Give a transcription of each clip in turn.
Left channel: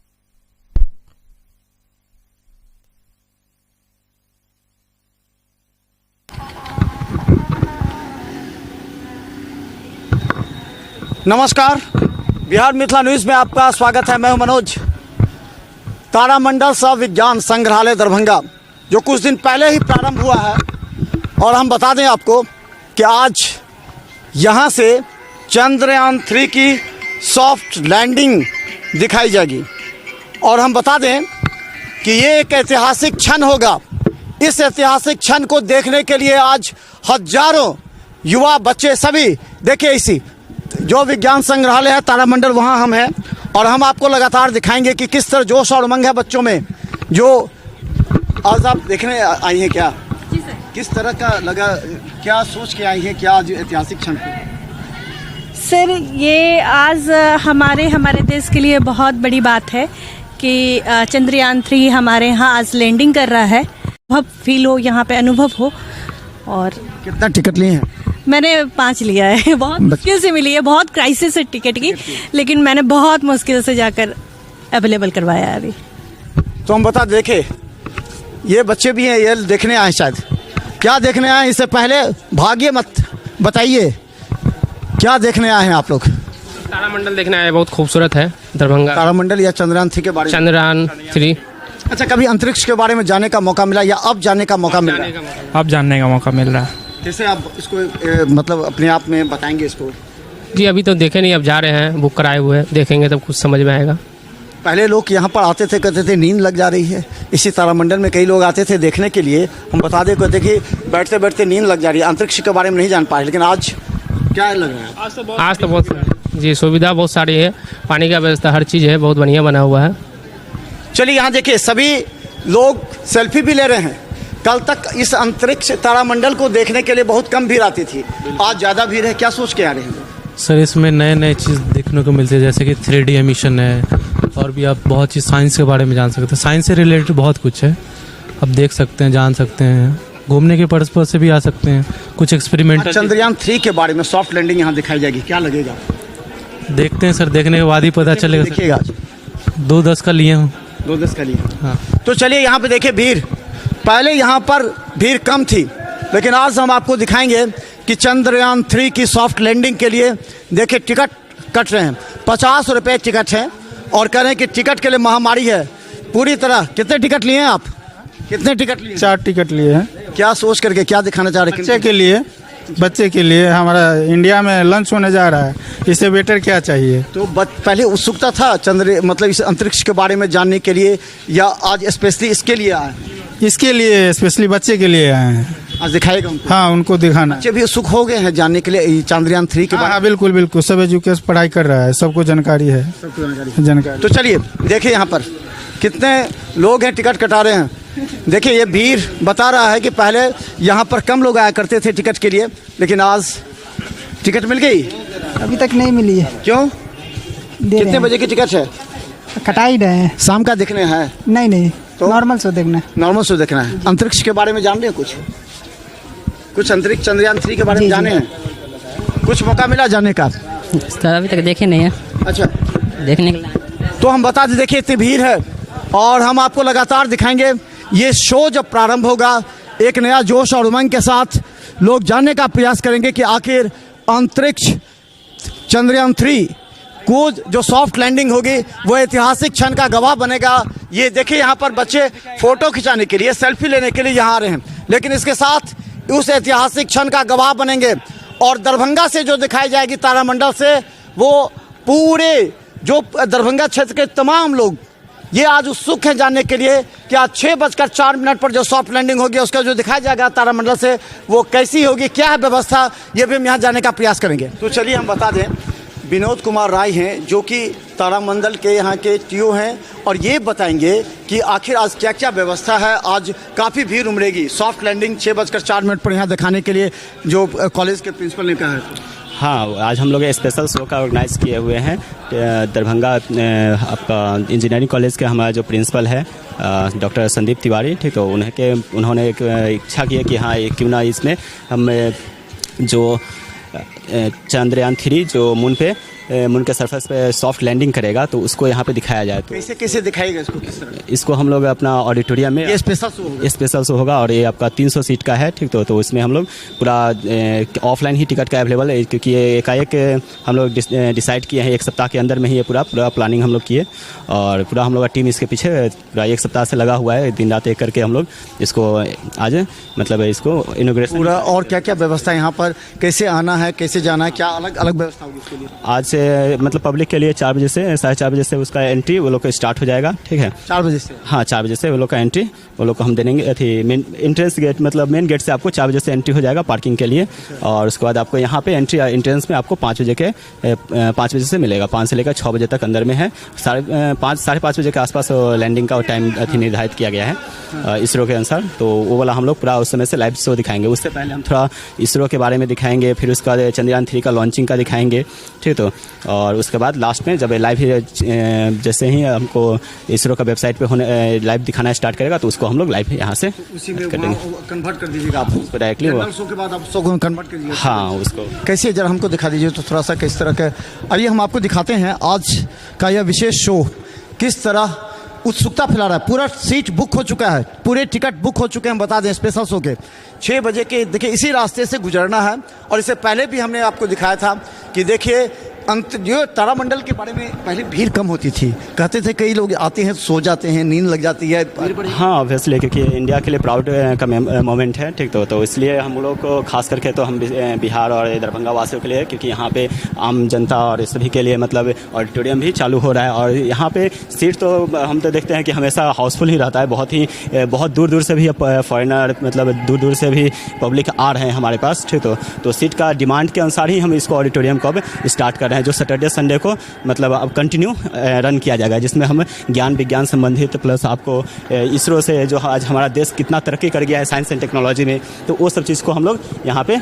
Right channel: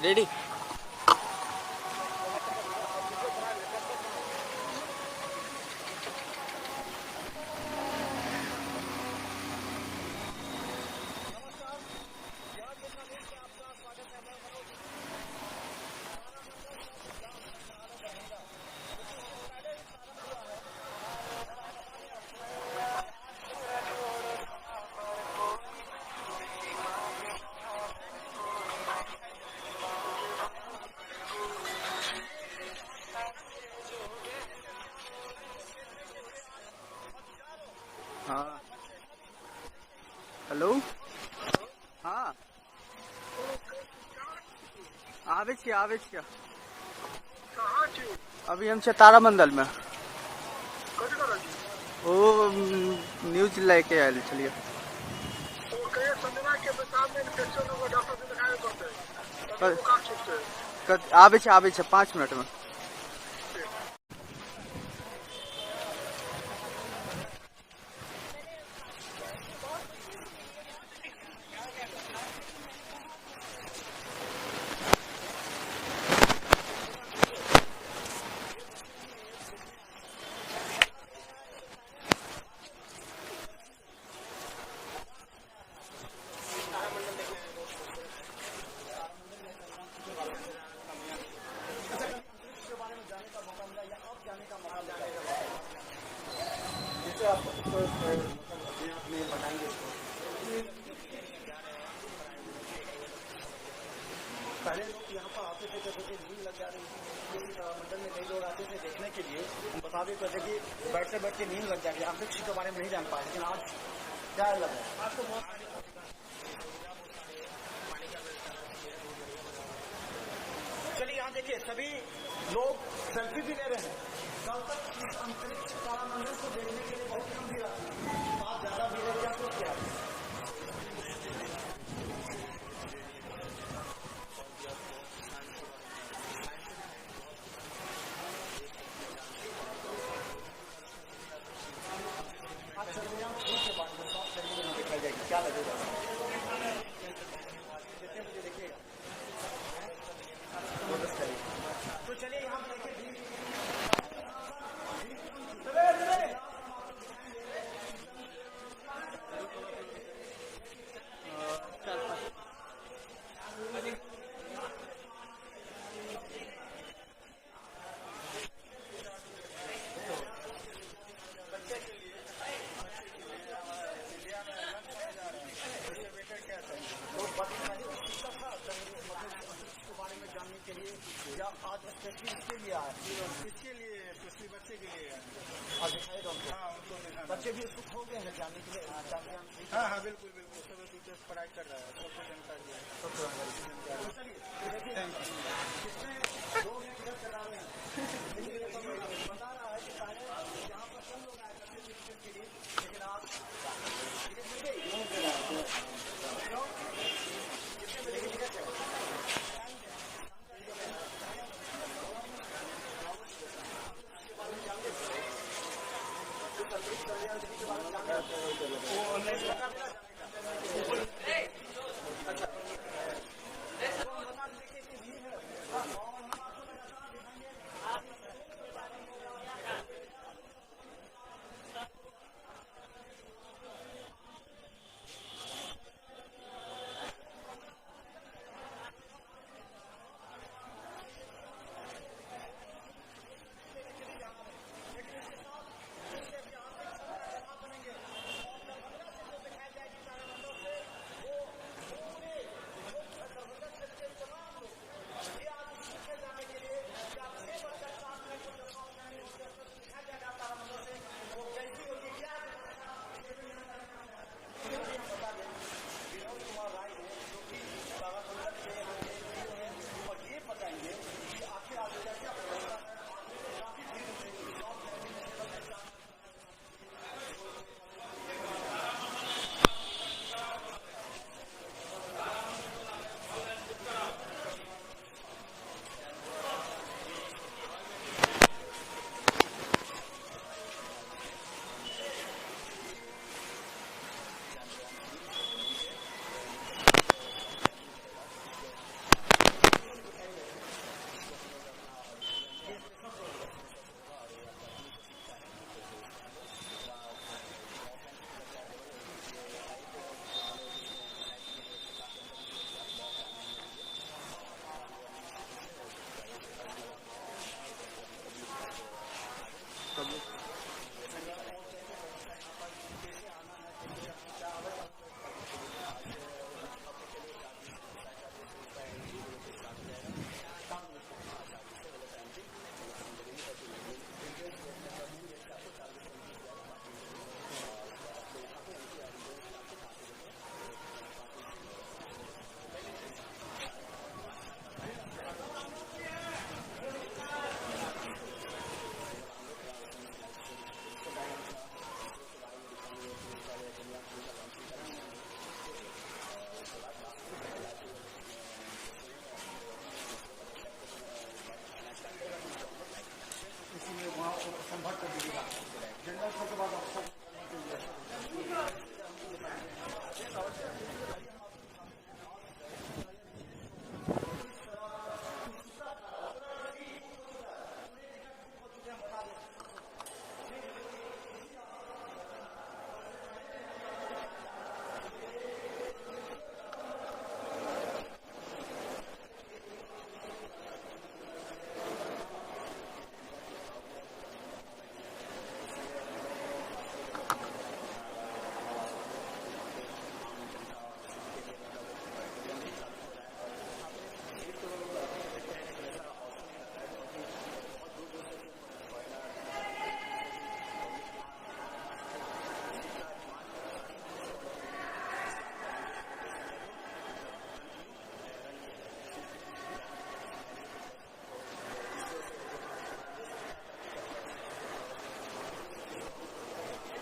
Ready. नमस्कार, Bihar Mithila news में आपका स्वागत है। मैं हूं मनोज। तारामंडल सह विज्ञान संग्रहालय दरभंगा जो कुछ दिन पहले ही प्रारंभ हुआ है, और हम बता दें आपको कि आज यहां से चंद्रयान 3 की सॉफ्ट लैंडिंग दिखाई जाएगी। और हम बता दें कि ये एक ऐतिहासिक क्षण होगा। इस ऐतिहासिक क्षण को देखने के लिए आज हजारों युवा बच्चे सभी देखिए, इसी जो विज्ञान संग्रहालय है तारामंडल, वहाँ हम हैं और हम आपको लगातार दिखाएंगे कि किस तरह जोश और उमंग है बच्चों में। जो आज आप देखने आई हैं, क्या किस तरह का लगा, क्या सोच के आई हैं, क्या आज ऐतिहासिक क्षण? सर, ये आज हमारे देश के लिए बहुत बड़ी बात है कि चंद्रयान 3 हमारे यहाँ आज लैंडिंग कर रहा है। बहुत फील हो, यहाँ पे अनुभव हो। और कितना टिकट लिए हैं? मैंने 5 लिया है। बहुत मुश्किल से मिली है, बहुत क्राइसिस है टिकट की, लेकिन मैंने बहुत मुश्किल से जाकर अवेलेबल करवाया है अभी। तो हम बता देखे, ये बच्चे भी हैं, ये देखने आए शायद। क्या देखने आए? इससे पहले भागिए मत, बताइए क्या देखने आए हैं आप लोग? तारामंडल देखने आए, बहुत खूबसूरत है दरभंगा। तारामंडल या चंद्रयान 3 के बारे में? चंद्रयान 3। अच्छा, कभी अंतरिक्ष के बारे में जानने का मौका मिला या अब जानने का मौका मिल रहा है? अब जानने का मौका मिल रहा है। कैसे आप इसको मतलब अपने आप में बताएंगे इसको? जी अभी तो देखे नहीं, अब जा रहे हैं, बुक कराए हुए हैं, देखेंगे तब कुछ समझ में आएगा। पहले लोग यहाँ पर आते थे, कहते थे नींद लग जा रही है। इसी तारामंडल में कई लोग आते थे देखने के लिए। हम बता दें, कहते कि बैठते बैठते नींद लग जा रही है, अंतरिक्ष के बारे में नहीं जान पाए। लेकिन आज क्या लग रहा है? आज तो बहुत जी सुविधा बहुत सारी है, पानी का व्यवस्था, हर चीज़ है, बहुत बढ़िया बना हुआ है। चलिए यहाँ देखिए, सभी लोग सेल्फी भी ले रहे हैं। कल तक इस अंतरिक्ष तारामंडल को देखने के लिए बहुत कम भीड़ आती थी, आज ज़्यादा भीड़ है। क्या सोच के आ रहे हैं? सर, इसमें नए नए चीज़ देखने को मिलती है, जैसे कि 3D एमिशन है, और भी आप बहुत चीज़ साइंस के बारे में जान सकते हैं। साइंस से रिलेटेड बहुत कुछ है, आप देख सकते हैं, जान सकते हैं। घूमने के पर्पज से भी आ सकते हैं, कुछ एक्सपेरिमेंटल। चंद्रयान 3 के बारे में सॉफ्ट लैंडिंग यहाँ दिखाई जाएगी, क्या लगेगा? देखते हैं सर, देखने के बाद ही पता चलेगा। देखिएगा, 2-10 का लिए हूँ। 2-10 का लिए। हाँ। तो चलिए यहाँ पे देखिए, भीड़ पहले यहाँ पर भीड़ कम थी, लेकिन आज हम आपको दिखाएंगे कि चंद्रयान 3 की सॉफ्ट लैंडिंग के लिए देखिए टिकट कट रहे हैं। 50 रुपये टिकट है, और कह रहे हैं कि टिकट के लिए महामारी है पूरी तरह। कितने टिकट लिए हैं आप? कितने टिकट लिए? 4 टिकट लिए हैं। क्या सोच करके, क्या दिखाना चाह रहे हैं? बच्चे के लिए हमारा इंडिया में लंच होने जा रहा है, इससे बेटर क्या चाहिए? तो पहले उत्सुकता था मतलब इस अंतरिक्ष के बारे में जानने के लिए, या आज स्पेशली इसके लिए आए? इसके लिए स्पेशली बच्चे के लिए आए हैं। आज दिखाएगा उनको? हाँ, उनको दिखाना। बच्चे भी उत्सुक हो गए हैं जानने के लिए चंद्रयान 3 के बारे में? हाँ, बिल्कुल बिल्कुल, सब एजुकेशन पढ़ाई कर रहा है, सबको जानकारी है। जानकारी। तो चलिए देखिए, यहाँ पर कितने लोग हैं, टिकट कटा रहे हैं। देखिए, ये भीड़ बता रहा है कि पहले यहाँ पर कम लोग आया करते थे टिकट के लिए, लेकिन आज टिकट मिल गई। अभी तक नहीं मिली है। क्यों? कितने बजे की टिकट है? कटा ही रहे हैं। शाम का देखने है? नहीं, तो नॉर्मल शो देखना है। नॉर्मल शो देखना है। अंतरिक्ष के बारे में जान रहे हैं कुछ अंतरिक्ष चंद्रयान 3 के बारे में जाने हैं? कुछ मौका मिला जानने का? सर अभी तक देखे नहीं है। अच्छा, देखने के लिए तो हम बता दें, देखिए इतनी भीड़ है और हम आपको लगातार दिखाएंगे। ये शो जब प्रारंभ होगा, एक नया जोश और उमंग के साथ लोग जानने का प्रयास करेंगे कि आखिर अंतरिक्ष चंद्रयान 3 को जो सॉफ्ट लैंडिंग होगी वो ऐतिहासिक क्षण का गवाह बनेगा। ये देखिए, यहाँ पर बच्चे फोटो खिंचाने के लिए, सेल्फी लेने के लिए यहाँ आ रहे हैं, लेकिन इसके साथ उस ऐतिहासिक क्षण का गवाह बनेंगे। और दरभंगा से जो दिखाई जाएगी तारामंडल से, वो पूरे जो दरभंगा क्षेत्र के तमाम लोग ये आज उत्सुक हैं जानने के लिए कि आज 6:04 पर जो सॉफ्ट लैंडिंग होगी उसका जो दिखाया जाएगा तारामंडल से, वो कैसी होगी, क्या है व्यवस्था, ये भी हम यहाँ जानने का प्रयास करेंगे। तो चलिए हम बता दें, विनोद कुमार राय हैं जो कि तारामंडल के यहाँ के टीओ हैं, और ये बताएंगे कि आखिर आज क्या क्या व्यवस्था है। आज काफ़ी भीड़ उमड़ेगी। सॉफ्ट लैंडिंग 6:04 पर यहाँ दिखाने के लिए जो कॉलेज के प्रिंसिपल ने कहा है। हाँ, आज हम लोग स्पेशल शो का ऑर्गेनाइज किए हुए हैं। दरभंगा आपका इंजीनियरिंग कॉलेज के हमारा जो प्रिंसिपल है डॉक्टर संदीप तिवारी, ठीक है, उन्होंने एक इच्छा की है कि हाँ, क्यों ना इसमें हम जो चंद्रयान 3 जो मून के सरफेस पे सॉफ्ट लैंडिंग करेगा, तो उसको यहाँ पे दिखाया जाए। तो कैसे कैसे दिखाएगा इसको, किस तरह? इसको हम लोग अपना ऑडिटोरियम में ये स्पेशल शो होगा और ये आपका 300 सीट का है, ठीक। तो उसमें हम लोग पूरा ऑफलाइन ही टिकट का अवेलेबल है, क्योंकि ये एकाएक हम लोग डिसाइड किए हैं, 1 सप्ताह के अंदर में ही ये पूरा प्लानिंग हम लोग किए, और पूरा हम लोग का टीम इसके पीछे पूरा 1 सप्ताह से लगा हुआ है, दिन रात एक करके हम लोग इसको आज मतलब इसको इनॉग्रेशन पूरा। और क्या क्या व्यवस्था यहाँ पर, कैसे आना है, कैसे जाना है, क्या अलग अलग व्यवस्था होगी इसके लिए? आज से मतलब पब्लिक के लिए 4 बजे से 4:30 बजे से उसका एंट्री वो लोग का स्टार्ट हो जाएगा, ठीक है। 4 बजे से? हाँ, 4 बजे से वो लोग का एंट्री वो लोग को हम दे देंगे। मेन एंट्रेंस गेट मतलब मेन गेट से आपको 4 बजे से एंट्री हो जाएगा पार्किंग के लिए, और उसके बाद आपको यहाँ पे एंट्रेंस में आपको 5 बजे से मिलेगा। 5 से लेकर 6 बजे तक अंदर में है। 5:30 बजे के आसपास लैंडिंग का टाइम निर्धारित किया गया है इसरो के अनुसार। तो वो वाला हम लोग पूरा उस समय से लाइव शो दिखाएंगे। उससे पहले हम थोड़ा इसरो के बारे में दिखाएंगे, फिर उसके बाद चंद्रयान 3 का लॉन्चिंग का दिखाएंगे, ठीक। तो और उसके बाद लास्ट में जब लाइव जैसे ही हमको इसरो का वेबसाइट पे होने लाइव दिखाना स्टार्ट करेगा, तो उसको हम लोग लाइव यहाँ से उसी में करेंगे, कन्वर्ट कर दीजिएगा आप उसको डायरेक्टली। शो के बाद आप शो को कन्वर्ट कर दीजिए। हाँ, उसको कैसे जरा हमको दिखा दीजिए तो थोड़ा सा किस तरह का। आइए हम आपको दिखाते हैं आज का यह विशेष शो किस तरह उत्सुकता फैला रहा है। पूरा सीट बुक हो चुका है, पूरे टिकट बुक हो चुके हैं। हम बता दें स्पेशल शो के 6 बजे के, देखिए इसी रास्ते से गुजरना है। और इससे पहले भी हमने आपको दिखाया था कि देखिए जो तारामंडल के बारे में पहले भीड़ कम होती थी, कहते थे कई लोग आते हैं सो जाते हैं, नींद लग जाती है। हाँ, ऑब्वियसली, क्योंकि इंडिया के लिए प्राउड का मोमेंट है, ठीक। तो इसलिए हम लोग को खास करके तो हम बिहार और दरभंगा वासियों के लिए, क्योंकि यहाँ पे आम जनता और सभी के लिए मतलब ऑडिटोरियम भी चालू हो रहा है, और यहाँ पे सीट तो हम तो देखते हैं कि हमेशा हाउसफुल ही रहता है। बहुत दूर दूर से भी फॉरेनर मतलब दूर दूर से भी पब्लिक आ रहे हैं हमारे पास, ठीक। तो सीट का डिमांड के अनुसार ही हम इसको ऑडिटोरियम को अब स्टार्ट कर रहे हैं, जो सैटरडे संडे को मतलब अब कंटिन्यू रन किया जाएगा, जिसमें हम ज्ञान विज्ञान संबंधित प्लस आपको इसरो से जो आज हमारा देश कितना तरक्की कर गया है साइंस एंड टेक्नोलॉजी में, तो वो सब चीज़ को हम लोग यहाँ पे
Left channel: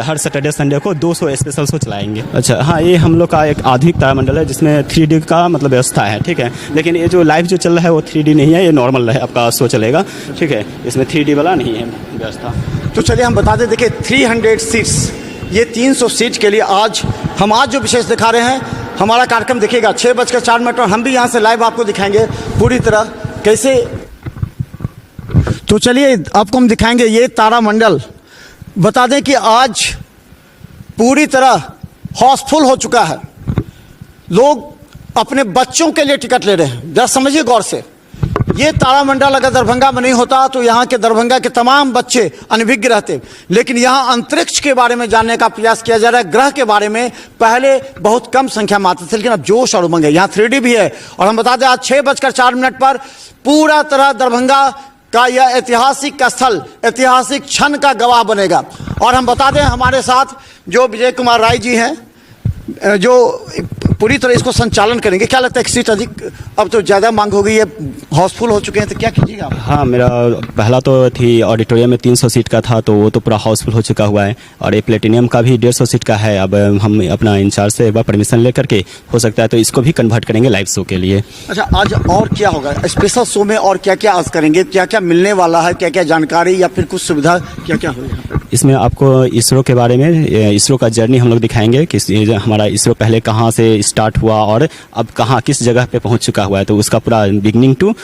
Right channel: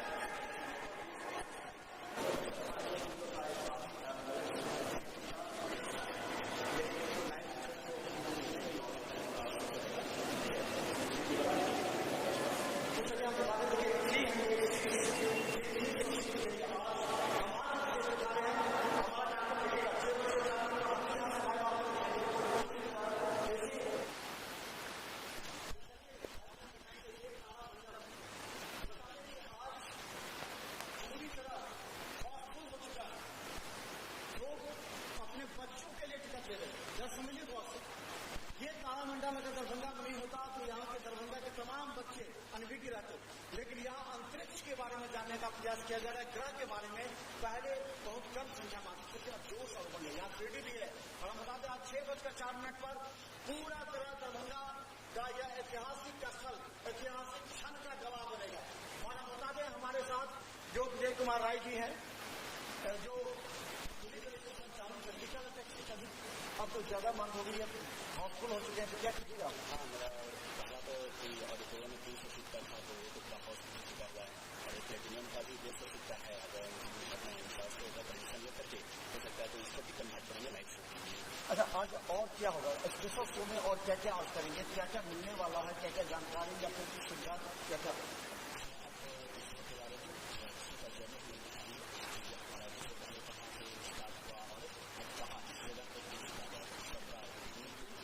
हर सैटरडे संडे को 200 स्पेशल शो चलाएंगे। अच्छा, हाँ, ये हम लोग का एक आधुनिक तारामंडल है जिसमें 3D का मतलब व्यवस्था है, ठीक है। लेकिन ये जो लाइव जो चल रहा है वो 3D नहीं है, ये नॉर्मल है आपका शो चलेगा, ठीक है। इसमें 3D वाला नहीं है व्यवस्था। तो चलिए हम बता दें, देखिए 300 सीट्स, ये 300 सीट के लिए आज जो विशेष दिखा रहे हैं। हमारा कार्यक्रम देखिएगा 6:04 और हम भी यहाँ से लाइव आपको दिखाएंगे पूरी तरह कैसे। तो चलिए आपको हम दिखाएंगे ये तारामंडल। बता दें कि आज पूरी तरह हाउसफुल हो चुका है, लोग अपने बच्चों के लिए टिकट ले रहे हैं। जरा समझिए गौर से, ये तारामंडल अगर दरभंगा में नहीं होता तो यहाँ के दरभंगा के तमाम बच्चे अनभिज्ञ रहते। लेकिन यहाँ अंतरिक्ष के बारे में जानने का प्रयास किया जा रहा है। ग्रह के बारे में पहले बहुत कम संख्या में आते थे, लेकिन अब जोश और उमंग है। यहाँ 3D भी है। और हम बता दें आज 6:04 पर पूरा तरह दरभंगा का यह ऐतिहासिक स्थल, ऐतिहासिक क्षण का गवाह बनेगा। और हम बता दें हमारे साथ जो विजय कुमार राय जी हैं, जो पूरी तरह इसको संचालन करेंगे। क्या लगता है सीट अधिक अब तो ज़्यादा मांग हो गई है, हाउसफुल हो चुके हैं, तो क्या कीजिएगा आप? हाँ, मेरा पहला तो थी ऑडिटोरियम में 300 सीट का था, तो वो तो पूरा हाउसफुल हो चुका हुआ है। और ये प्लेटिनियम का भी 150 सीट का है। अब हम अपना इंचार्ज से एक बार परमिशन लेकर के हो सकता है तो इसको भी कन्वर्ट करेंगे लाइव शो के लिए। अच्छा, आज और क्या होगा स्पेशल शो में, और क्या क्या आज करेंगे, क्या क्या मिलने वाला है, क्या क्या जानकारी या फिर कुछ सुविधा क्या क्या होगा? इसमें आपको इसरो के बारे में, इसरो का जर्नी हम लोग दिखाएंगे कि हमारा इसरो पहले कहाँ से स्टार्ट हुआ और अब कहाँ किस जगह पे पहुँच चुका हुआ है। तो उसका पूरा बिगनिंग टू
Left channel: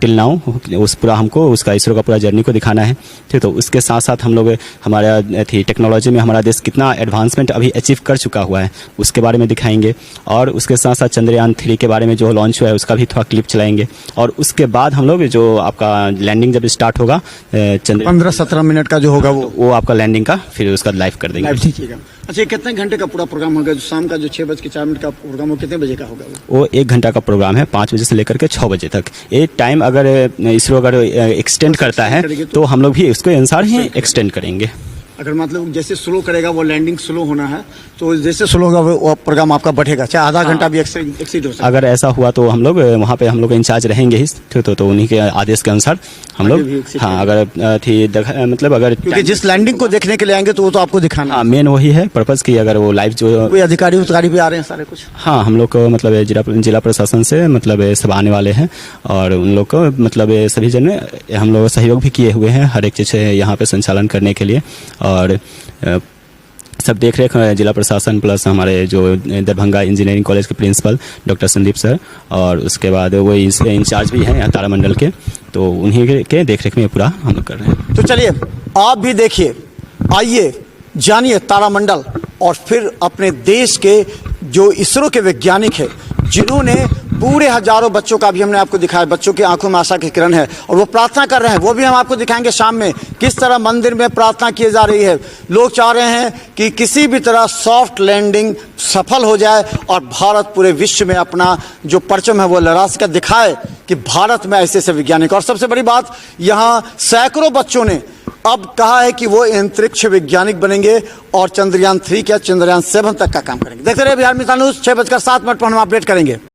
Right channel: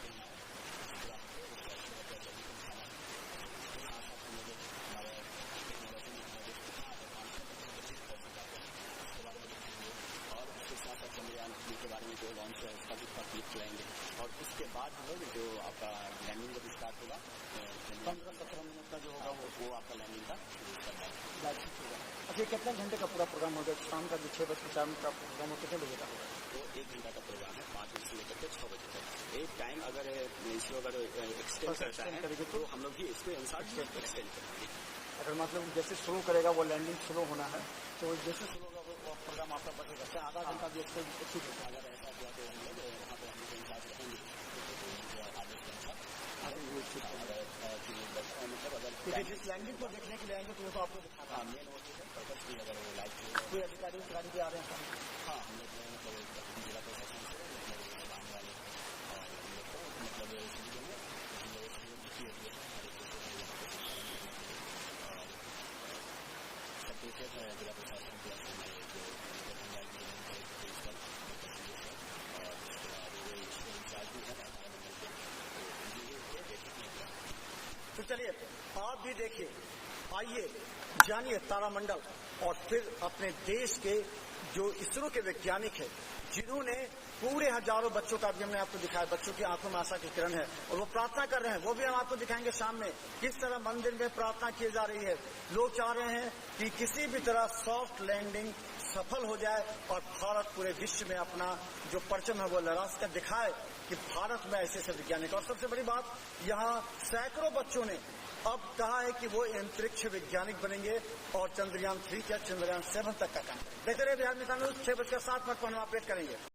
टिल नाउ उस पूरा हमको उसका इसरो का पूरा जर्नी को दिखाना है, ठीक। तो उसके साथ साथ हम लोग हमारा टेक्नोलॉजी में हमारा देश कितना एडवांसमेंट अभी अचीव कर चुका हुआ है उसके बारे में दिखाएंगे। और उसके साथ साथ चंद्रयान 3 के बारे में जो लॉन्च हुआ है उसका भी थोड़ा क्लिप चलाएंगे। और उसके बाद हम लोग जो आपका लैंडिंग जब स्टार्ट होगा 15-17 मिनट का जो होगा वो आपका लैंडिंग का फिर उसका लाइव कर देंगे। अच्छा, ये कितने घंटे का पूरा प्रोग्राम होगा? जो शाम का जो 6:04 का प्रोग्राम वो कितने बजे का होगा? वो 1 घंटा का प्रोग्राम है, 5 बजे से लेकर के 6 बजे तक। ये टाइम अगर इसरो अगर एक्सटेंड करता है तो हम लोग भी उसके अनुसार ही एक्सटेंड करेंगे। अगर मतलब जैसे स्लो करेगा वो लैंडिंग स्लो होना है, तो जैसे स्लो होगा वो प्रोग्राम आपका बढ़ेगा, चाहे आधा घंटा भी एक्सीड हो सकता है। अगर ऐसा हुआ तो हम लोग वहाँ पे हम लोग इंचार्ज रहेंगे ही, तो उन्हीं के आदेश के अनुसार हम लोग, हाँ, अगर मतलब अगर क्योंकि जिस लैंडिंग को देखने के लिए आएंगे तो वो तो आपको दिखाना। हाँ, मेन वही है पर्पज़ की अगर वो लाइव जो कोई अधिकारी भी आ रहे हैं सारे कुछ। हाँ, हम लोग को मतलब जिला प्रशासन से मतलब सब आने वाले हैं और उन लोग को मतलब सभी जन हम लोग सहयोग भी किए हुए हैं हर एक चीज़ यहाँ पे संचालन करने के लिए। और सब देख रेख जिला प्रशासन प्लस हमारे जो दरभंगा इंजीनियरिंग कॉलेज के प्रिंसिपल डॉक्टर संदीप सर, और उसके बाद वो इंचार्ज भी हैं यहाँ तारामंडल के, तो उन्हीं के देख रेख में पूरा हम लोग कर रहे हैं। तो चलिए आप भी देखिए, आइए जानिए तारामंडल और फिर अपने देश के जो इसरो के वैज्ञानिक हैं जिन्होंने पूरे हजारों बच्चों का भी हमने आपको दिखाया, बच्चों की आंखों में आशा की किरण है और वो प्रार्थना कर रहे हैं, वो भी हम आपको दिखाएंगे शाम में किस तरह मंदिर में प्रार्थना की जा रही है। लोग चाह रहे हैं कि किसी भी तरह सॉफ्ट लैंडिंग सफल हो जाए और भारत पूरे विश्व में अपना जो परचम है वो लहरा कर दिखाए कि भारत में ऐसे ऐसे वैज्ञानिक। और सबसे बड़ी बात, यहाँ सैकड़ों बच्चों ने अब कहा है कि वो अंतरिक्ष वैज्ञानिक बनेंगे और चंद्रयान 3 या चंद्रयान 7 तक का काम करेंगे। देखते रहिए बिहार मिसाल न्यूज, 6:07 पर हम अपडेट करेंगे।